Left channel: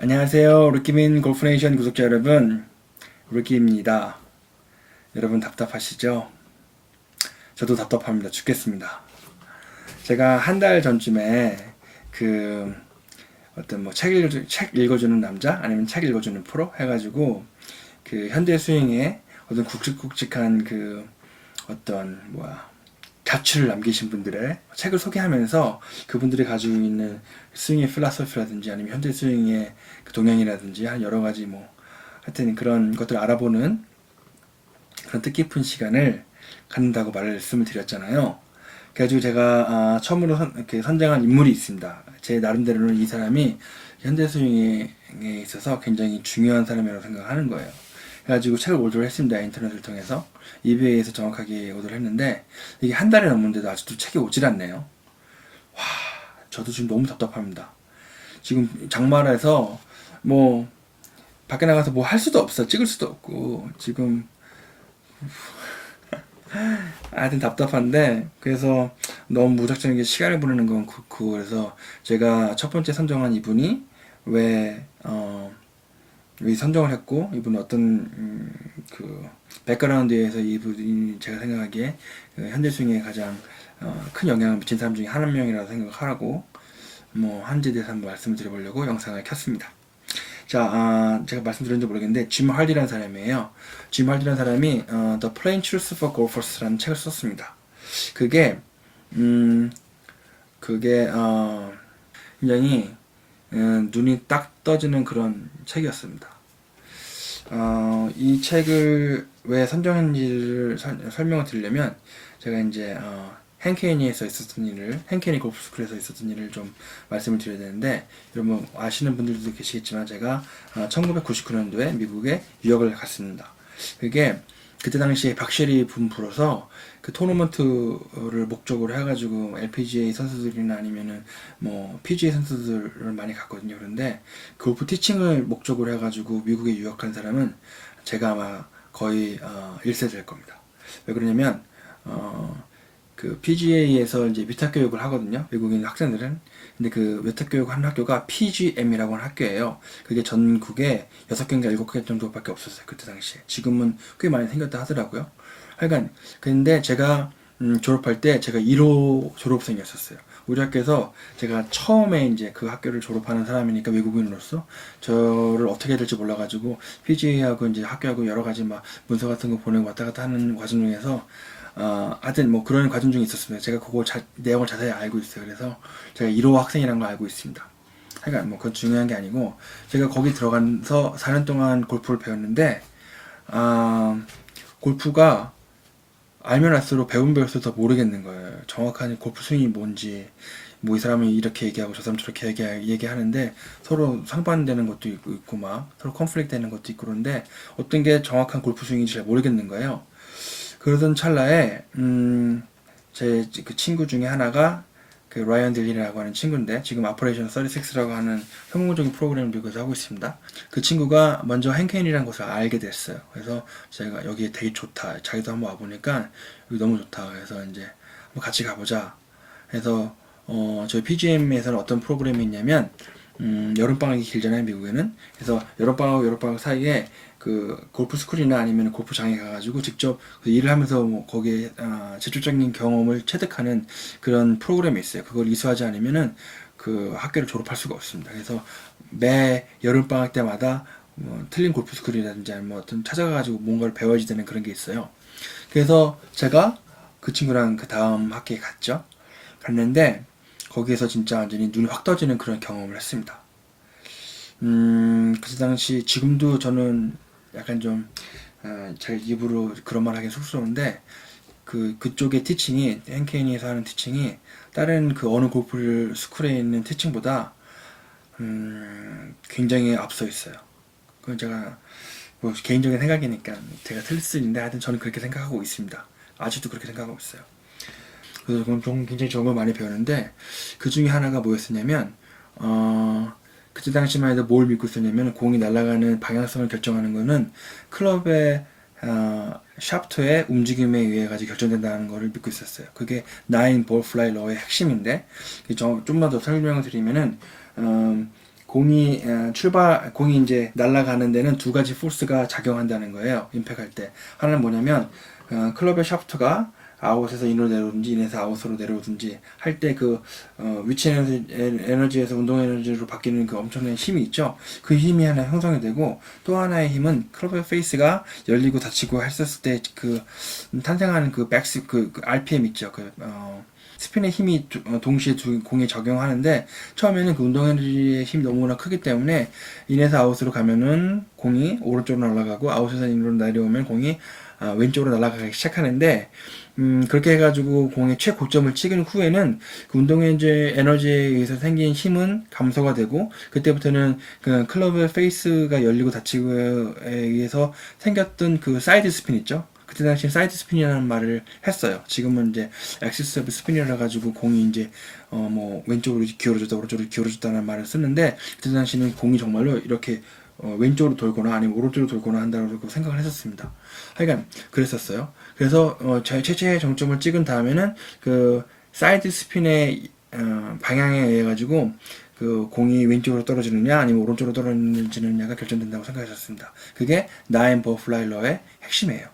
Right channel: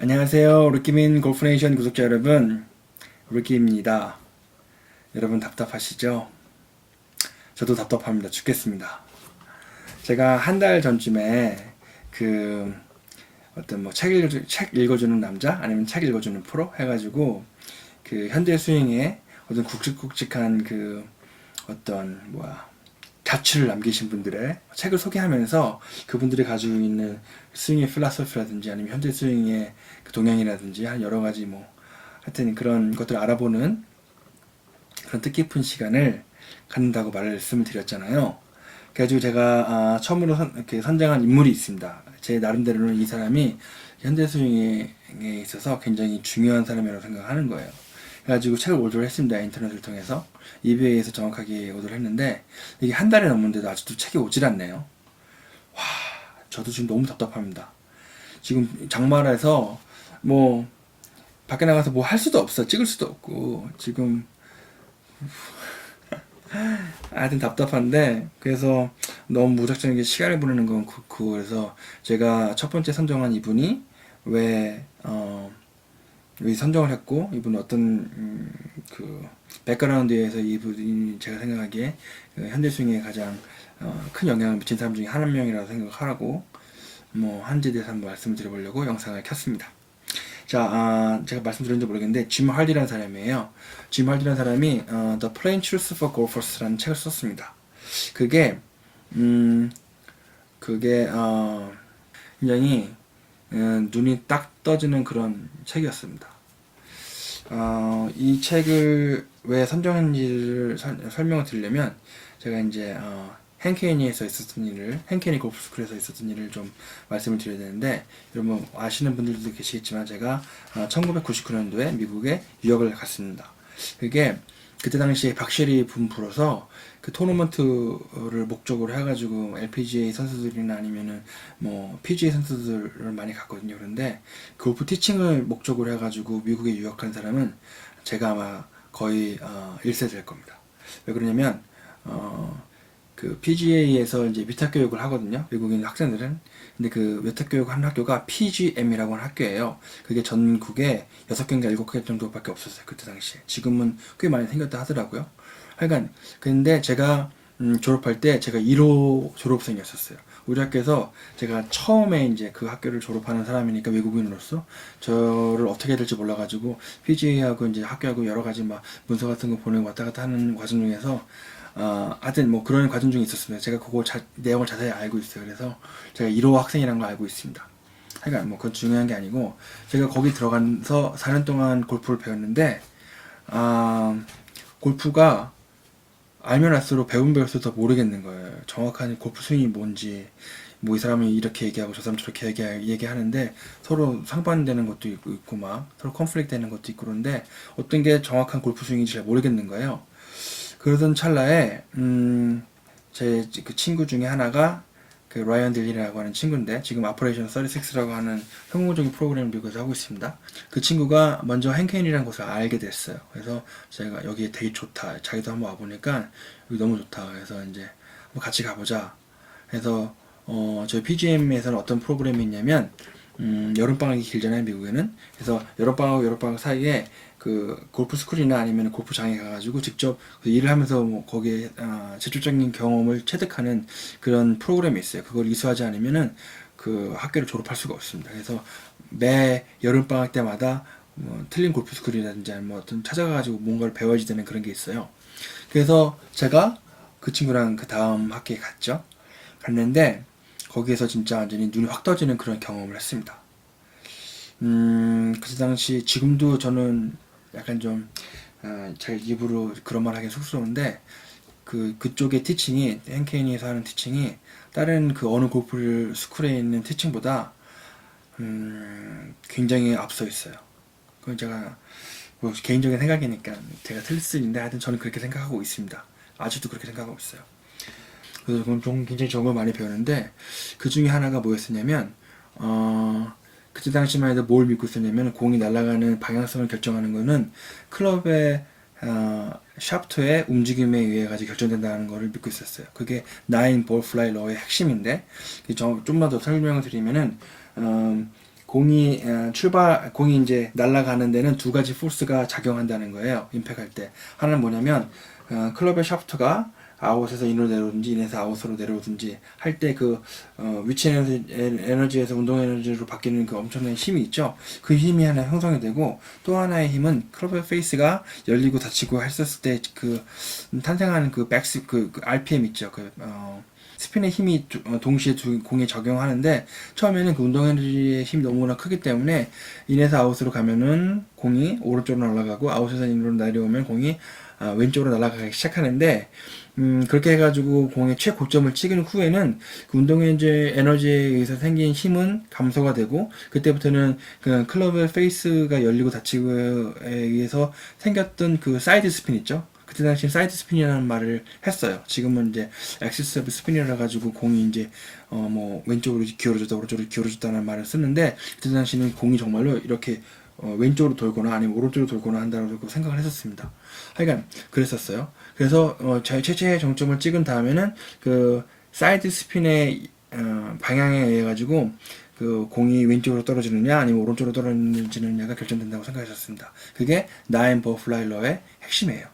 안녕하세요. 루키민 골프네이션 구독자 여러분, 루키입니다. 여러분 답답하시죠? 저도 답답합니다. 죽겠습니다. 제가 한 달 전쯤에 어떤 책 읽어주는 남자 아니면 책 읽어주는 프로 해가지고 현대 스윙에 어떤 굵직굵직한 자취를 남기신 분들의 책을 소개하면서 그분들이 가지고 있는 스윙의 필라소피라든지 아니면 현대 스윙의 동향이라든지 여러 가지 하여튼 그런 것들을 알아보는 그런 뜻깊은 시간을 갖는다고 말씀을 드렸잖아요. 그래가지고 제가 처음으로 선정한 인물이 있습니다. 제 나름대로는 이 사람이 현대 스윙에 있어서 굉장히 중요한 사람이라고 생각하는 거예요. 그래가지고 책을 오더를 했습니다. 인터넷을 통해서 이베이에서 정확하게 오더를 했는데 이게 한 달이 넘었는데도 아직도 책이 오질 않네요. 와, 저도 지금 너무 답답합니다. 지금 장마라서 밖에 나가서 할 수도 없어. 찍을 수도 없고 지금 하여튼 답답한데, 그래서 너무 무작정하게 시간을 보내는 건 그렇고, 그래서 제가 첫 번째 선정한 이분이 왜 선정을 했고, 이분은 어떤 백그라운드에서 이분이 제가 생각하기에 현대 스윙에 가장 큰 영향을 미친 사람 중에 한 명이라고 생각하라고 한지에 대해서 한번 말씀드려보려고 영상을 켰습니다. 자, 제가 말씀드렸는지 모르겠는데 짐 할디라는 사람이에요. 짐 할디라는 사람이 The Plain Truth for Golfers라는 책을 썼습니다. 그게 굉장히 눈이 딱 떠지는 그런 책이었습니다. 이 책을 왜 선정했는지를 설명을 드리려면 제가 이제 헨케니에서 있었던 일을, 헨케니 골프스쿨에서 있었던 일을 좀 말씀을 드려야 되는데, 여러분 아시는 분들도 계시겠지만 제가 1999년도에 미국에 유학을 갔습니다. 그게 그때 당시에 박셰리 분부로서 그 토너먼트를 목적으로 해가지고 LPGA 선수들이나 아니면은 PGA 선수들을 많이 갔거든요. 그런데 골프 티칭을 목적으로 해가지고 미국에 유학한 사람은 제가 아마 거의 1세 될 겁니다. 왜 그러냐면 PGA에서 이제 위탁 교육을 하거든요. 외국인 학생들은. 근데 그 위탁 교육 하는 학교가 PGM이라고 하는 학교예요. 그게 전국에 6개인가 7개 정도밖에 없었어요. 그때 당시에. 지금은 꽤 많이 생겼다 하더라고요. 하여간, 근데 제가 졸업할 때 제가 1호 졸업생이었었어요. 우리 학교에서 제가 처음에 이제 그 학교를 졸업하는 사람이니까 외국인으로서 저를 어떻게 해야 될지 몰라가지고 PGA하고 이제 학교하고 여러 가지 문서 같은 거 보내고 왔다 갔다 하는 과정 중에서 하여튼 그런 과정 중에 있었습니다. 제가 그거 내용을 자세히 알고 있어요. 그래서 제가 1호 학생이라는 걸 알고 있습니다. 하여간 그건 중요한 게 아니고, 제가 거기 들어가서 4년 동안 골프를 배웠는데, 골프가 알면 알수록 배우면 배울수록 더 모르겠는 거예요. 정확한 골프 스윙이 뭔지, 이 사람이 이렇게 얘기하고 저 사람이 저렇게 얘기하는데 서로 상반되는 것도 있고 서로 컨플릭트 되는 것도 있고, 그런데 어떤 게 정확한 골프 스윙인지 잘 모르겠는 거예요. 그러던 찰나에 제 그 친구 중에 하나가 라이언 딜리라고 하는 친구인데, 지금 아퍼레이션 36라고 하는 성공적인 프로그램을 미국에서 하고 있습니다. 그 친구가 먼저 헨켄이라는 곳을 알게 됐어요. 그래서 제가 여기 되게 좋다, 자기도 한번 와보니까 여기 너무 좋다, 그래서 이제 같이 가보자 해서 저희 PGM에서는 어떤 프로그램이 있냐면 여름방학이 길잖아요, 미국에는. 그래서 여름방학과 여름방학 사이에 골프 스쿨이나 아니면 골프장에 가가지고 직접 일을 하면서 거기에 직접적인 경험을 체득하는 그런 프로그램이 있어요. 그걸 이수하지 않으면은 그 학교를 졸업할 수가 없습니다. 그래서 매 여름방학 때마다 틀린 골프 스쿨이라든지 어떤 찾아가가지고 뭔가를 배워야지 되는 그런 게 있어요. 그래서 제가 그 친구랑 그 다음 학기에 갔는데 거기에서 진짜 완전히 눈이 확 떠지는 그런 경험을 했습니다. 그때 당시, 지금도 저는 약간 제 입으로 그런 말 하기 쑥스러운데, 그쪽의 티칭이, 헨케니에서 하는 티칭이 다른 어느 골프 스쿨에 있는 티칭보다 굉장히 앞서 있어요. 그건 제가 개인적인 생각이니까 제가 틀릴 수 있는데, 하여튼 저는 그렇게 생각하고 있습니다. 아직도 그렇게 생각하고 있어요. 그래서 그건 굉장히 좋은 걸 많이 배웠는데, 그 중에 하나가 뭐였었냐면 그때 당시만 해도 뭘 믿고 있었냐면, 공이 날아가는 방향성을 결정하는 거는 클럽의 샤프트의 움직임에 의해 가지고 결정된다는 것을 믿고 있었어요. 그게 9 ball fly law의 핵심인데, 좀만 더 설명을 드리면은 공이 이제 날아가는 데는 두 가지 포스가 작용한다는 거예요. 임팩할 때. 하나는 뭐냐면, 클럽의 샤프트가 아웃에서 인으로 내려오든지, 인에서 아웃으로 내려오든지 할 때 위치 에너지에서 운동 에너지로 바뀌는 그 엄청난 힘이 있죠. 그 힘이 하나 형성이 되고, 또 하나의 힘은 클럽의 페이스가 열리고 닫히고 했었을 때 탄생하는 RPM 있죠. 스핀의 힘이 동시에 두 공에 적용하는데, 처음에는 그 운동 에너지의 힘이 너무나 크기 때문에 인에서 아웃으로 가면은 공이 오른쪽으로 날아가고, 아웃에서 인으로 내려오면 공이 왼쪽으로 날아가기 시작하는데, 그렇게 해가지고 공의 최고점을 찍은 후에는 그 운동 에너지에 의해서 생긴 힘은 감소가 되고, 그때부터는 그 클럽의 페이스가 열리고 닫히고에 의해서 생겼던 그 사이드 스핀 있죠. 그때 당시 사이드 스핀이라는 말을 했어요. 지금은 이제 엑시스 스핀이라 가지고 공이 이제 왼쪽으로 기울어졌다 오른쪽으로 기울어졌다는 말을 쓰는데, 그때 당시는 공이 정말로 이렇게 왼쪽으로 돌거나 아니면 오른쪽으로 돌거나 한다고 생각을 했었습니다. 하여간 그랬었어요. 그래서 최초의 정점을 찍은 다음에는 그 사이드 스핀의 방향에 의해 가지고 그 공이 왼쪽으로 떨어지느냐 아니면 오른쪽으로 떨어지느냐가 결정된다고 생각했었습니다. 그게 나인 버플라일러의 핵심이에요.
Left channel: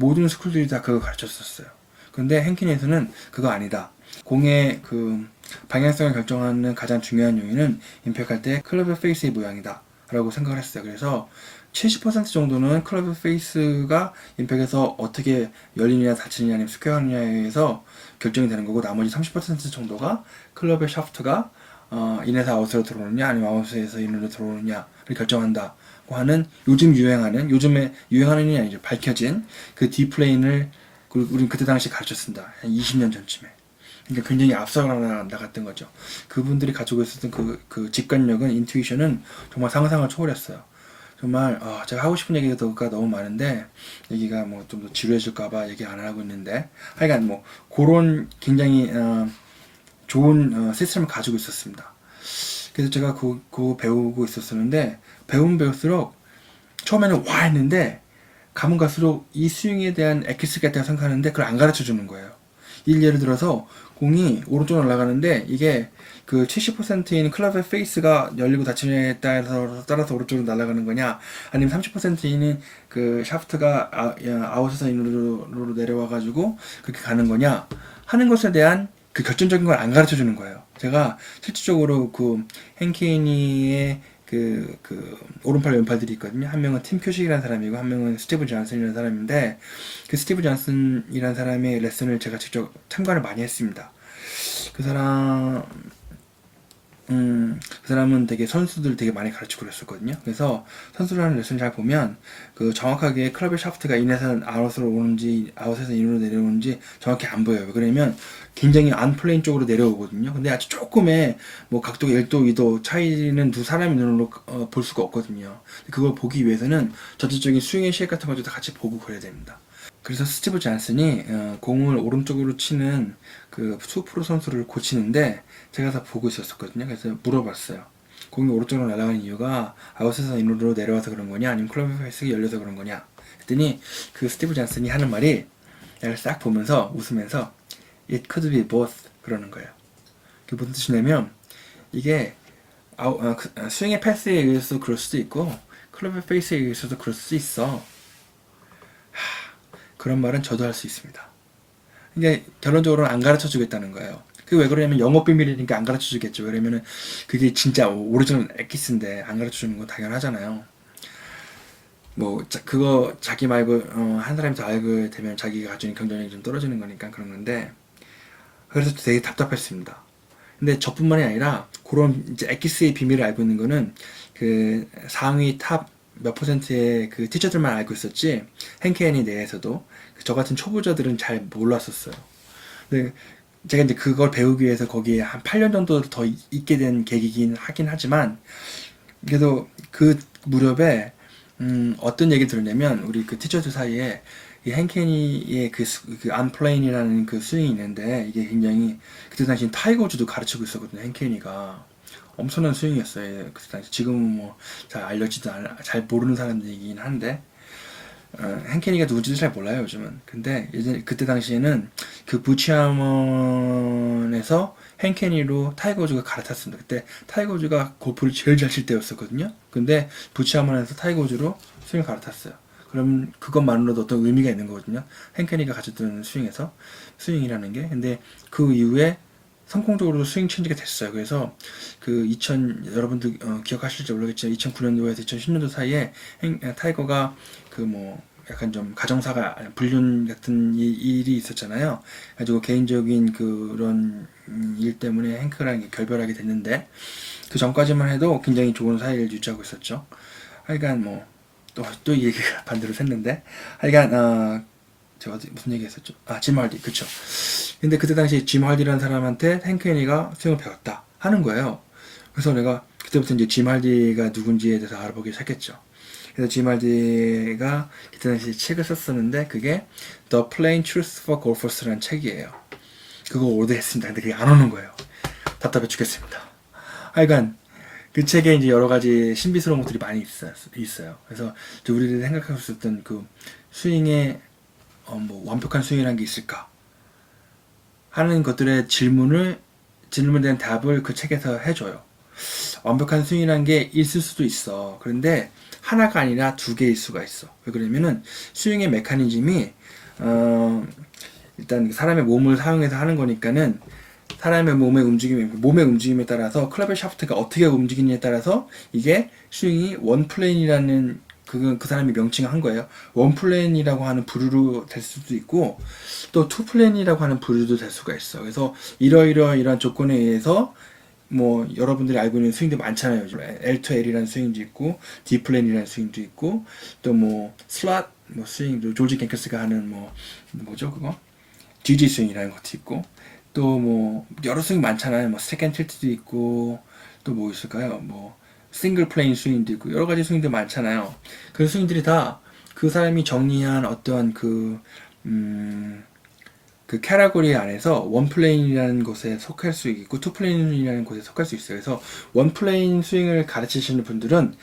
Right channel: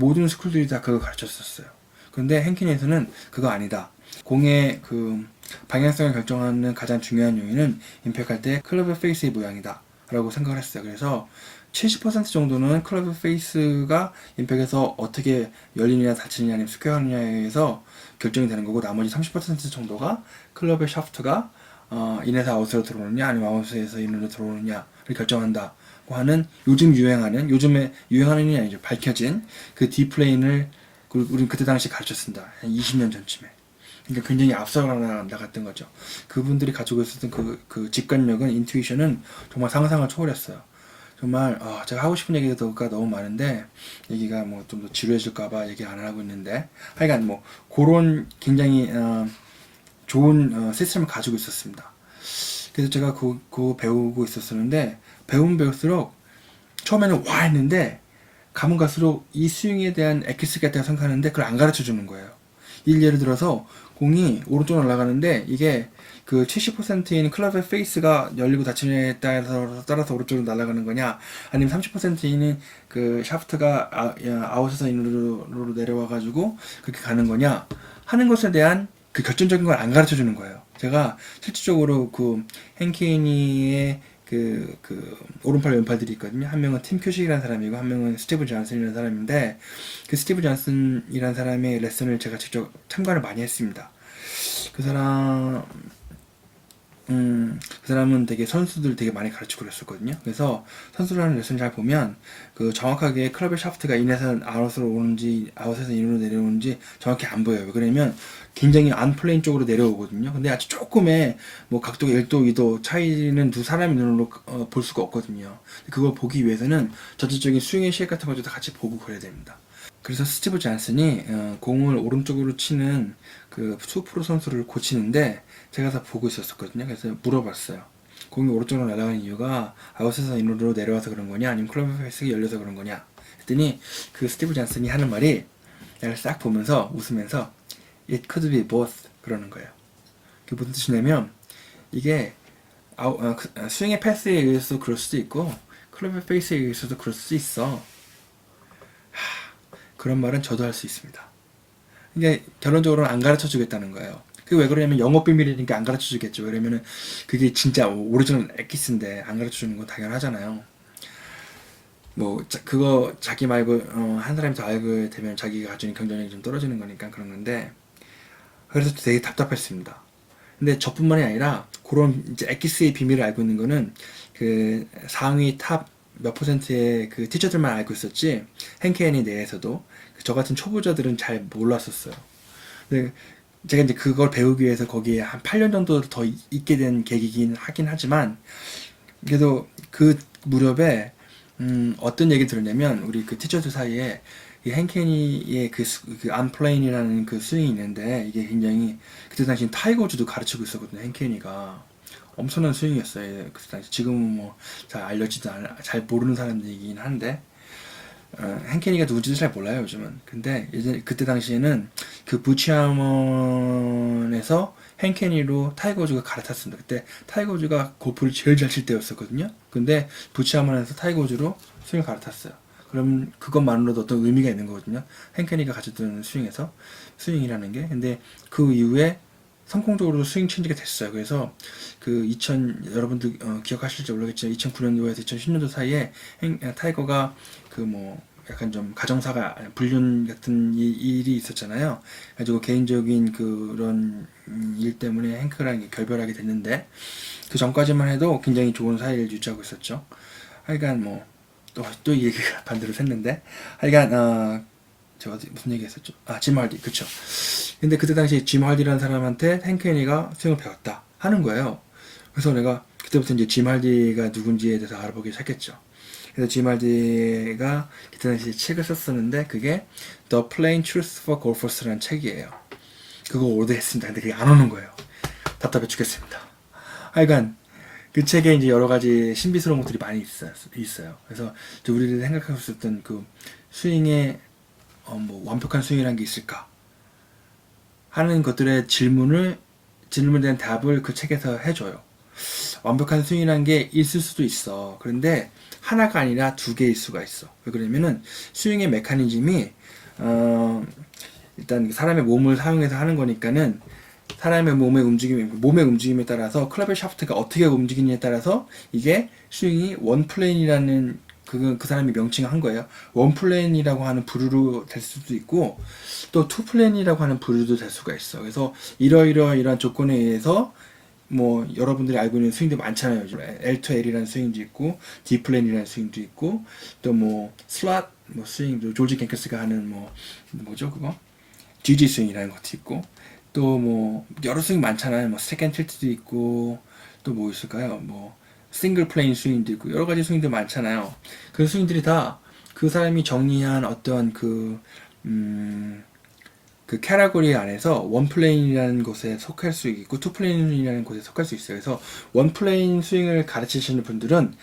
모든 스쿨들이 다 그거 가르쳤었어요. 그런데 행킨에서는 그거 아니다. 공의 그 방향성을 결정하는 가장 중요한 요인은 임팩할 때 클럽의 페이스의 모양이다 라고 생각을 했어요. 그래서 70% 정도는 클럽의 페이스가 임팩에서 어떻게 열리느냐 닫히느냐 아니면 스퀘어하느냐에 의해서 결정이 되는 거고, 나머지 30% 정도가 클럽의 샤프트가 인에서 아웃으로 들어오느냐 아니면 아웃에서 인으로 들어오느냐를 결정한다 하는 요즘에 유행하는 게 아니죠. 밝혀진 그 D플레인을 우리는 그때 당시 가르쳤습니다. 한 20년 전쯤에. 그러니까 굉장히 앞서 나갔던 거죠. 그분들이 가지고 있었던 그 직관력은, 인투이션은 정말 상상을 초월했어요. 정말 제가 하고 싶은 얘기가 너무 많은데 얘기가 좀 더 지루해질까봐 얘기 안 하고 있는데, 하여간 그런 굉장히 좋은 시스템을 가지고 있었습니다. 그래서 제가 그거 배우고 있었었는데, 배우면 배울수록 처음에는 와 했는데 가면 갈수록 이 스윙에 대한 액기스 같다고 생각하는데 그걸 안 가르쳐 주는 거예요. 예를 들어서 공이 오른쪽으로 날아가는데, 이게 그 70%인 클럽의 페이스가 열리고 닫힘에 따라서 오른쪽으로 날아가는 거냐, 아니면 30%인 그 샤프트가 아웃에서 인으로 내려와가지고 그렇게 가는 거냐 하는 것에 대한 그 결정적인 걸 안 가르쳐 주는 거예요. 제가 실질적으로 그 henkeny의 오른팔 왼팔들이 있거든요. 한 명은 팀 큐식이라는 사람이고 한 명은 스티브 존슨이라는 사람인데, 그 스티브 존슨이라는 사람의 레슨을 제가 직접 참가를 많이 했습니다. 그 사람은 되게 선수들 되게 많이 가르치고 그랬었거든요. 그래서 선수를 하는 레슨을 잘 보면 그 정확하게 클럽의 샤프트가 인에서 아웃으로 오는지 아웃에서 인으로 내려오는지 정확히 안 보여요. 그러면 굉장히 안플레인 쪽으로 내려오거든요. 근데 아주 조금의 각도가 1도, 2도 차이는 두 사람의 눈으로 볼 수가 없거든요. 그걸 보기 위해서는 전체적인 스윙의 쉐입 같은 것도 같이 보고 그래야 됩니다. 그래서 스티브 존슨이 공을 오른쪽으로 치는 그 수프로 선수를 고치는데 제가 다 보고 있었거든요. 그래서 물어봤어요. 공이 오른쪽으로 날아가는 이유가 아웃에서 인으로 내려와서 그런 거냐 아니면 클럽 페이스가 열려서 그런 거냐 했더니, 그 스티브 존슨이 하는 말이, 내가 싹 보면서 웃으면서 It could be both 그러는 거예요. 그게 무슨 뜻이냐면, 이게 스윙의 패스에 의해서 그럴 수도 있고 클럽의 페이스에 의해서도 그럴 수도 있어. 그런 말은 저도 할 수 있습니다. 근데 결론적으로는 안 가르쳐 주겠다는 거예요. 그게 왜 그러냐면 영업 비밀이니까 안 가르쳐 주겠죠. 왜냐면은 그게 진짜 오리지널 엑기스인데 안 가르쳐 주는 거 당연하잖아요. 그거 자기 말고 한 사람이 더 알게 되면 자기가 가지고 있는 경쟁력이 좀 떨어지는 거니까 그런 건데, 그래서 되게 답답했습니다. 근데 저뿐만이 아니라 그런 이제 엑기스의 비밀을 알고 있는 거는 그 상위 탑 몇 퍼센트의 그 티처들만 알고 있었지, henkeny 내에서도 저 같은 초보자들은 잘 몰랐었어요. 근데 제가 이제 그걸 배우기 위해서 거기에 한 8년 정도 더 있게 된 계기긴 하긴 하지만, 그래도 그 무렵에 어떤 얘기 들었냐면, 우리 그 티처들 사이에 이 henkeny의 그 unplane이라는 그 스윙이 있는데, 이게 굉장히 그때 당시 타이거 우즈도 가르치고 있었거든요. henkeny가 엄청난 스윙이었어요. 그때 당시. 지금은 잘 알려지도 잘 모르는 사람들이긴 한데, henkenny가 누군지도 잘 몰라요, 요즘은. 근데 예전 그때 당시에는 그 부치아먼에서 henkenny로 타이거 우즈가 갈아탔습니다. 그때 타이거 우즈가 골프를 제일 잘 칠 때였었거든요. 근데 부치아먼에서 타이거 우즈로 스윙을 갈아탔어요. 그럼 그것만으로도 어떤 의미가 있는 거거든요. henkenny가 가졌던 스윙이라는 게. 근데 그 이후에 성공적으로 스윙 체인지가 됐어요. 그래서 그 여러분들 기억하실지 모르겠지만 2009년도에서 2010년도 사이에 타이거가 그 뭐 약간 좀 가정사가 불륜 같은 일이 있었잖아요. 가지고 개인적인 그런 일 때문에 행크랑 결별하게 됐는데 그 전까지만 해도 굉장히 좋은 사이를 유지하고 있었죠. 하여간 뭐 또 이 얘기가 반대로 샜는데 하여간 제가 무슨 얘기 했었죠? 짐 할디, 그쵸. 근데 그때 당시 짐 할디라는 사람한테 henkenny가 스윙을 배웠다 하는 거예요. 그래서 내가 그때부터 이제 짐 할디가 누군지에 대해서 알아보기 시작했죠. 그래서 짐 할디가 그때 당시 책을 썼었는데 그게 The Plain Truth for Golfers라는 책이에요. 그거 오래됐습니다. 근데 그게 안 오는 거예요. 답답해 죽겠습니다. 하여간 그 책에 이제 여러 가지 신비스러운 것들이 많이 있어요. 그래서 우리들이 생각하고 있었던 그 스윙의 뭐 완벽한 스윙이라는 게 있을까 하는 것들의 질문에 대한 답을 그 책에서 해줘요. 완벽한 스윙이라는 게 있을 수도 있어. 그런데 하나가 아니라 두 개일 수가 있어. 왜 그러면은 스윙의 메커니즘이 일단 사람의 몸을 사용해서 하는 거니까는 사람의 몸의 움직임에 따라서 클럽의 샤프트가 어떻게 움직이느냐에 따라서 이게 스윙이 원 플레인이라는 그 사람이 명칭한 거예요. 원 플레인이라고 하는 부류로 될 수도 있고 또 투 플레인이라고 하는 부류도 될 수가 있어. 그래서 이러이러한 조건에 의해서 뭐 여러분들이 알고 있는 스윙도 많잖아요. L2L이라는 스윙도 있고 D 플랜이라는 스윙도 있고 또 뭐 슬롯 뭐 스윙도 조지 갱크스가 하는 뭐죠 그거 GG 스윙이라는 것도 있고 또 뭐 여러 스윙 많잖아요. 뭐 세컨드 틸트도 있고 또 뭐 있을까요? 뭐 싱글 플레인 스윙도 있고 여러 가지 스윙도 많잖아요. 그 스윙들이 다 그 사람이 정리한 어떠한 그 캐러고리 안에서 원 플레인이라는 곳에 속할 수 있고 투 플레인이라는 곳에 속할 수 있어요. 그래서 원 플레인 스윙을 가르치시는 분들은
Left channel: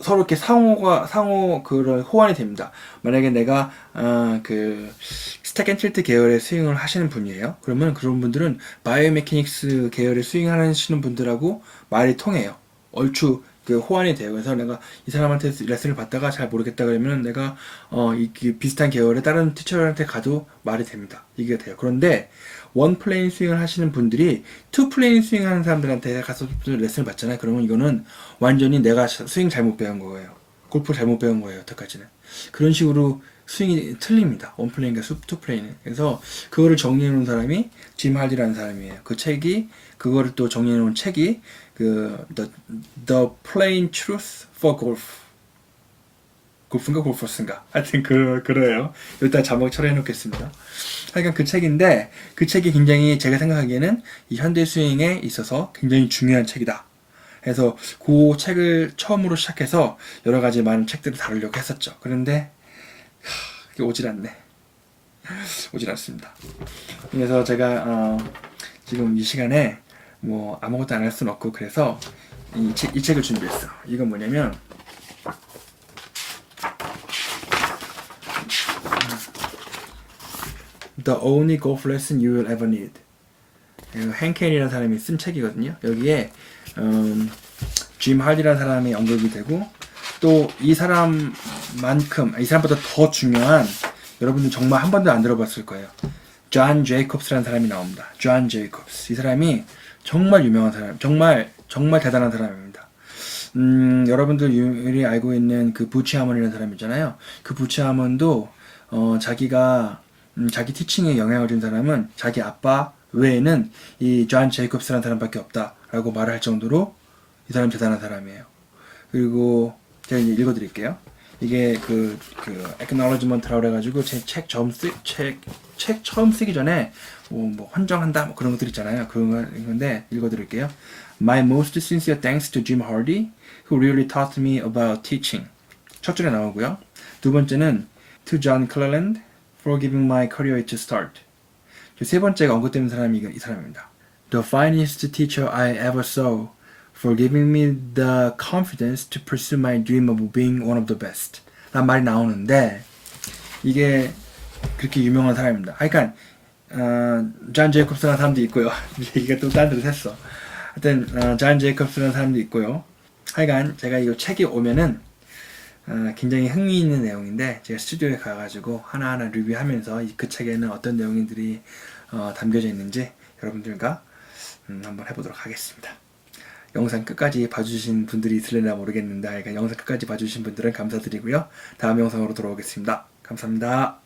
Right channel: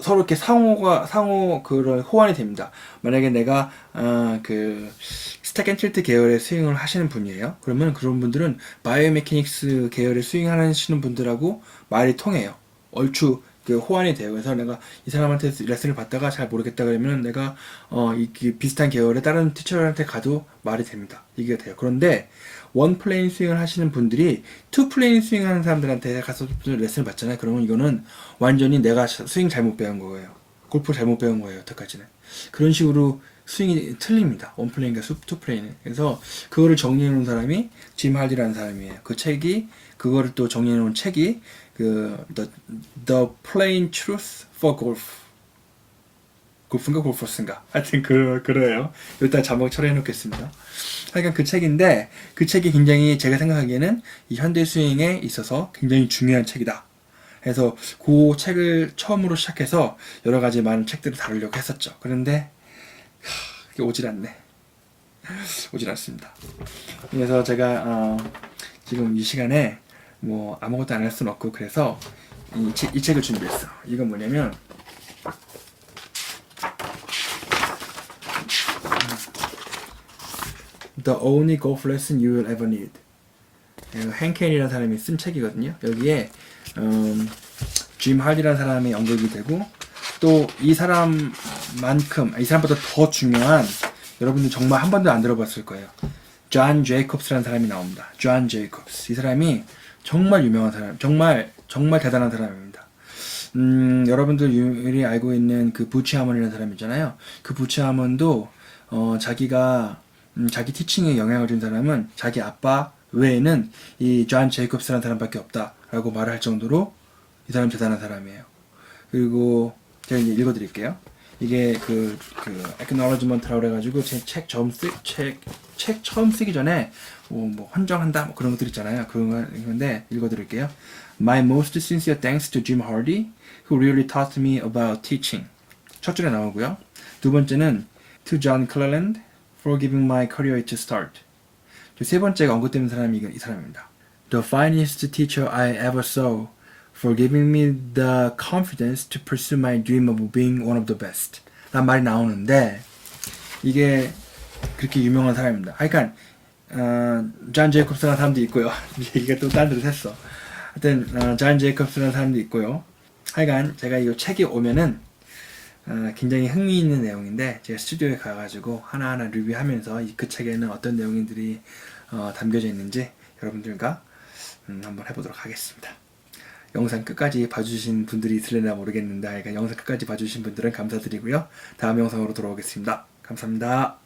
서로 이렇게 상호 그런 호환이 됩니다. 만약에 내가 그 스택 앤 틸트 계열의 스윙을 하시는 분이에요. 그러면 그런 분들은 바이오메케닉스 계열의 스윙 하시는 분들하고 말이 통해요. 얼추 그 호환이 돼요. 그래서 내가 이 사람한테 레슨을 받다가 잘 모르겠다 그러면 내가 비슷한 계열의 다른 티처한테 가도 말이 됩니다. 이게 돼요. 그런데 원 플레인 스윙을 하시는 분들이 투 플레인 스윙 하는 사람들한테 가서 레슨을 받잖아요. 그러면 이거는 완전히 내가 스윙 잘못 배운 거예요. 골프 잘못 배운 거예요. 여태까지는. 그런 식으로 스윙이 틀립니다. 원 플레인과 투 플레인은. 그래서 그거를 정리해 놓은 사람이 짐 할디라는 사람이에요. 그거를 또 정리해 놓은 책이 The Plain Truth for Golf. 골프인가 골퍼스인가? 하여튼 그래요. 일단 제목 처리해 놓겠습니다. 하여간 그 책인데 그 책이 굉장히 제가 생각하기에는 이 현대 스윙에 있어서 굉장히 중요한 책이다. 그래서 그 책을 처음으로 시작해서 여러 가지 많은 책들을 다루려고 했었죠. 그런데 이게 오질 않습니다. 그래서 제가 지금 이 시간에 뭐 아무것도 안 할 수는 없고 그래서 이 책을 준비했어. 이건 뭐냐면 The Only Golf Lesson You Will Ever Need. henkenny라는 사람이 쓴 책이거든요. 여기에 짐 할디라는 사람이 언급이 되고 또 이 사람보다 더 중요한 여러분들 정말 한 번도 안 들어봤을 거예요. 존 제이콥스라는 사람이 나옵니다. 존 제이콥스. 이 사람이 정말 유명한 사람, 정말 대단한 사람입니다. 여러분들이 알고 있는 그 부치 하먼이라는 사람 있잖아요. 그 부치 하먼도 자기가 자기 티칭에 영향을 준 사람은 자기 아빠 외에는 이 존 제이콥스라는 사람밖에 없다라고 말을 할 정도로 이 사람 대단한 사람이에요. 그리고 제가 이제 읽어드릴게요. 이게 그 acknowledgement라고 그래가지고 제 책 처음 쓰기 전에 뭐 헌정한다 뭐 그런 것들 있잖아요. 그런데 읽어드릴게요. My most sincere thanks to Jim Hardy, who really taught me about teaching. 첫 줄에 나오고요. 두 번째는 to John Cleland for giving my career its start. 세 번째가 언급되는 사람이 이 사람입니다. The finest teacher I ever saw, for giving me the confidence to pursue my dream of being one of the best. 말이 나오는데 이게 그렇게 유명한 사람입니다. 그러니까 존 제이콥스라는 사람도 있고요. 얘기가 또 딴 데로 샜어. 하여튼 존 제이콥스라는 사람도 있고요. 하여간 제가 이 책이 오면은 굉장히 흥미있는 내용인데 제가 스튜디오에 가가지고 하나하나 리뷰하면서 그 책에는 어떤 내용들이 담겨져 있는지 여러분들과 한번 해보도록 하겠습니다. 영상 끝까지 봐주신 분들이 있을려나 모르겠는데 영상 끝까지 봐주신 분들은 감사드리고요. 다음 영상으로 돌아오겠습니다. 감사합니다.